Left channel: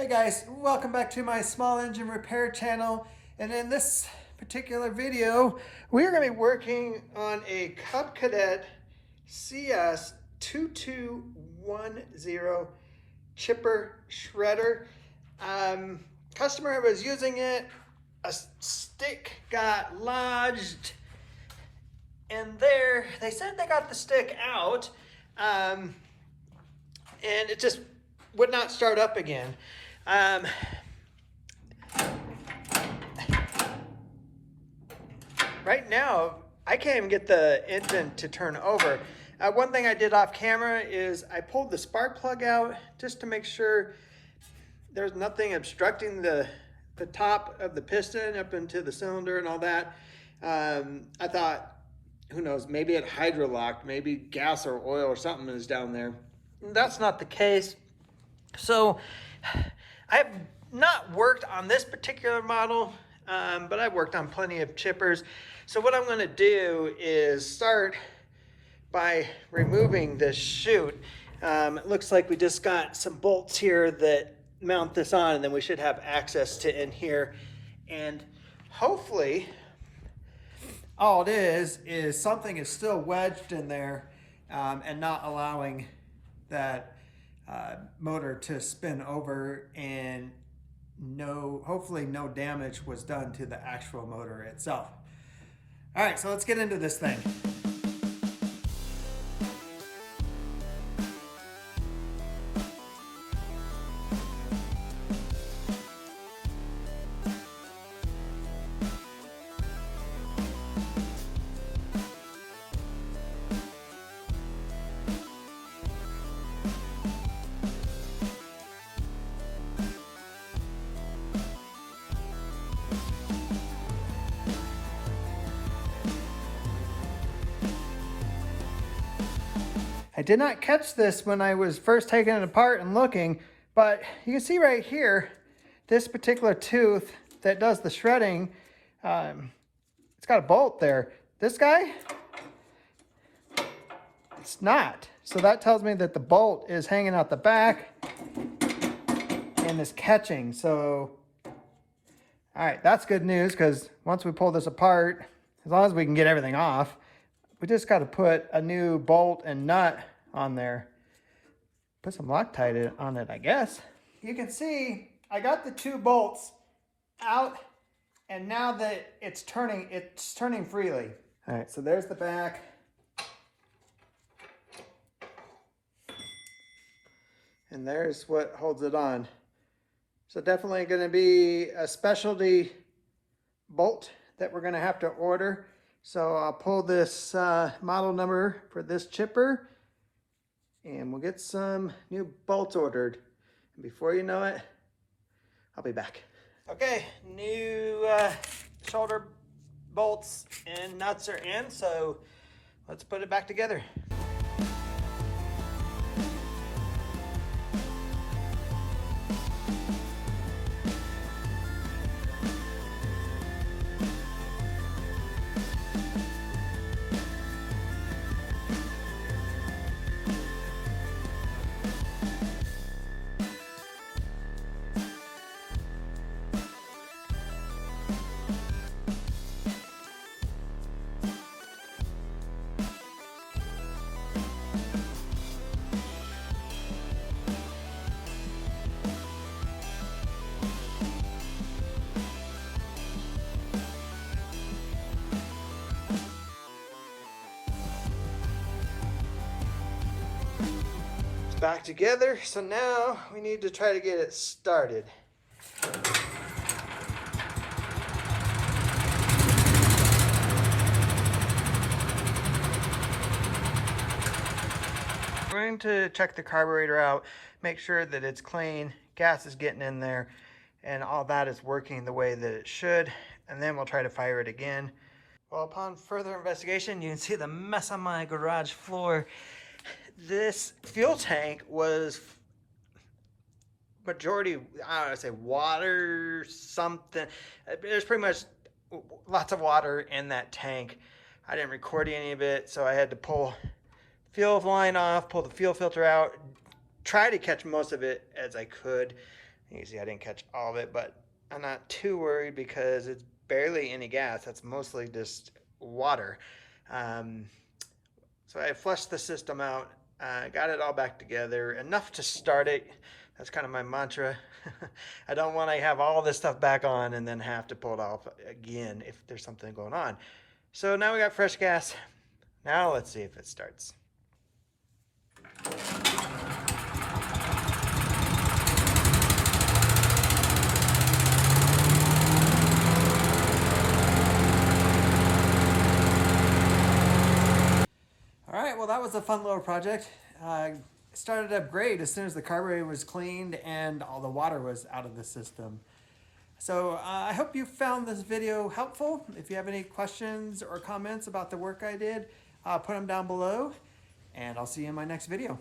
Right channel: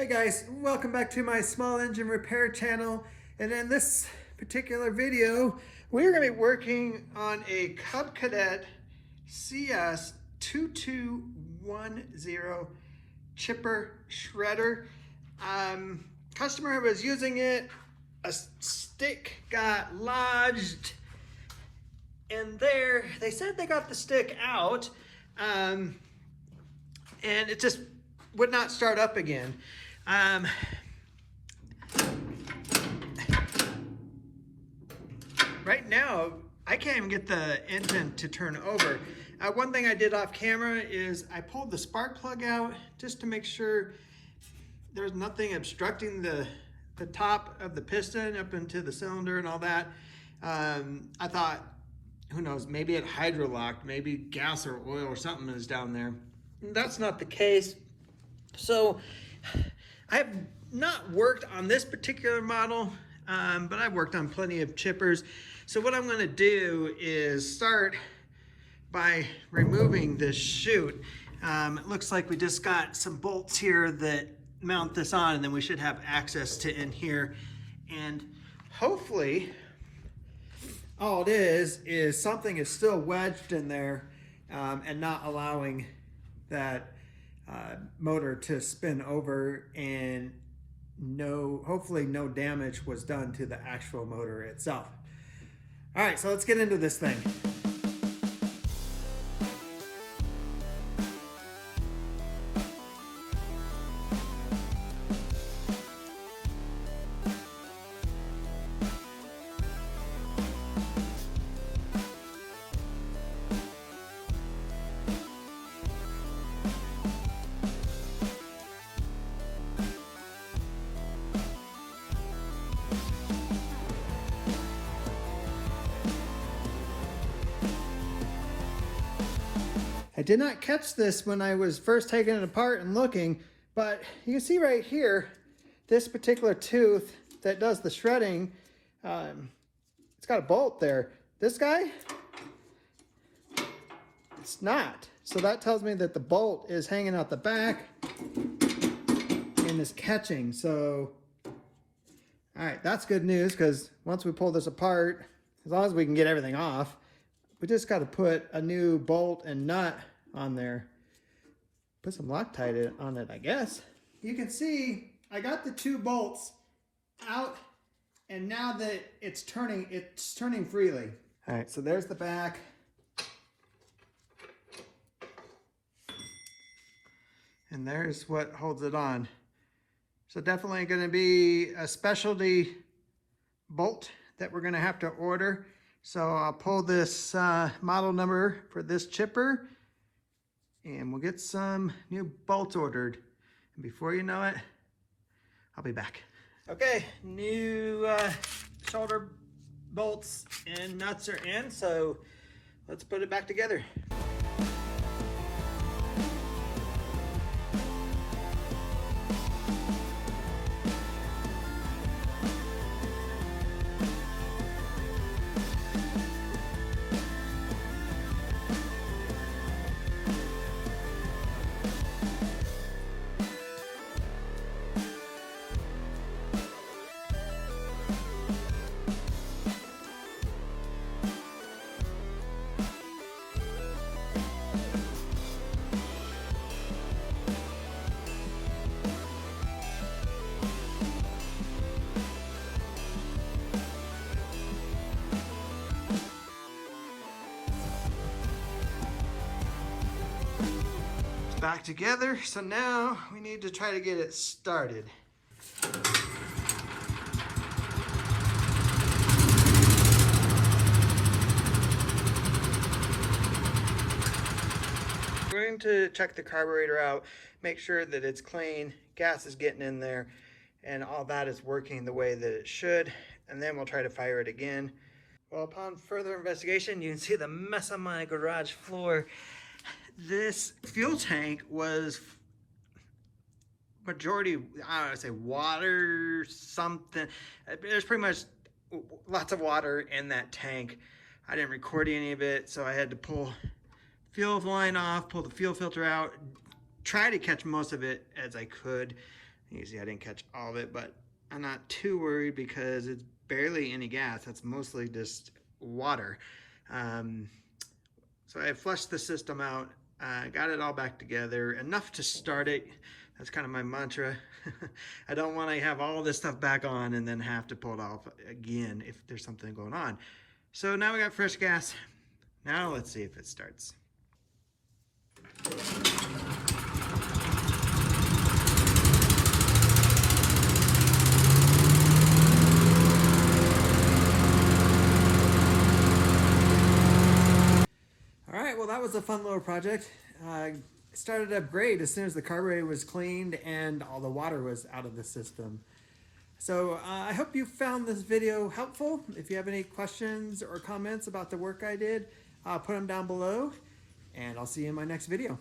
Hey guys, welcome back to my small engine repair channel. And in this particular video, we're going to be working on a Cadet CS 2210 chipper shredder. Customer was using it, a stick got lodged in there. They said they got the stick out, and it just would not start up again. Right now, I can't even get the engine to turn over. One thing I did off camera is I pulled the spark plug out just to make sure there's nothing obstructing the top of the piston up into the cylinder and all that. I thought, who knows, maybe it hydrolocked, maybe gas or oil or something is down there. That's not the case. So I have not worked on this particular model, but I've worked on plenty of chippers. So what I'm going to do is start by removing this chute. It looks like we just got some bolts here that mount this on, and then we should have access to in here. And hopefully all it is something is still wedged in there and not allowing that motor to spin over, and hopefully no damage was done to the actual motor itself. All right, so let's get into this thing. I did not catch this when I was first taking it apart and looking, but you can see right here, this particular tooth that does the shredding, it's got a bolt there. This guy, it's not. So that tells me that the bolt is hanging out the back and is catching. So, all right, that's good news, because once we pull this apart, as long as we can get everything off, we just got to put a new bolt and nut on there. Put some Loctite on it, I guess. You can see I got the two bolts out, and now that it's turning freely. All right, so there's the back. And there's what holds it on. So definitely going to be a specialty bolt that we're going to have to order. So I'll pull this model number for this chipper, and we'll get some new bolts ordered. And before you know it, I'll be back. Okay, new shoulder bolts and nuts are in, so let's put it back together. Back together, so now we need to try to get it started. We're going to check the carburetor out, make sure that it's clean, gas is getting in there, and all that is working the way that it should, and then we'll try to fire it again. Well, upon further investigation, you can see the mess on my garage floor. This fuel tank was majority, I don't know, say water, something. There's pretty much lots of water in that tank. I didn't record any of it, so I had to pull fuel line off, pull the fuel filter out, try to catch most of it as I could. You can see I didn't catch all of it, but I'm not too worried because it's barely any gas. That's mostly just water. Um, so I flushed the system out, got it all back together, enough to start it. That's kind of my mantra. I don't want to have all this stuff back on and then have to pull it off again if there's something going on. So now we got fresh gas. Now let's see if it starts. All right, well, that was a fun little project. Started up great as soon as the carburetor was cleaned and all the water was out of the system. So I hope you found this video helpful. If you have any questions or comments about the work I did, put them down below, and I'll see you in my next video.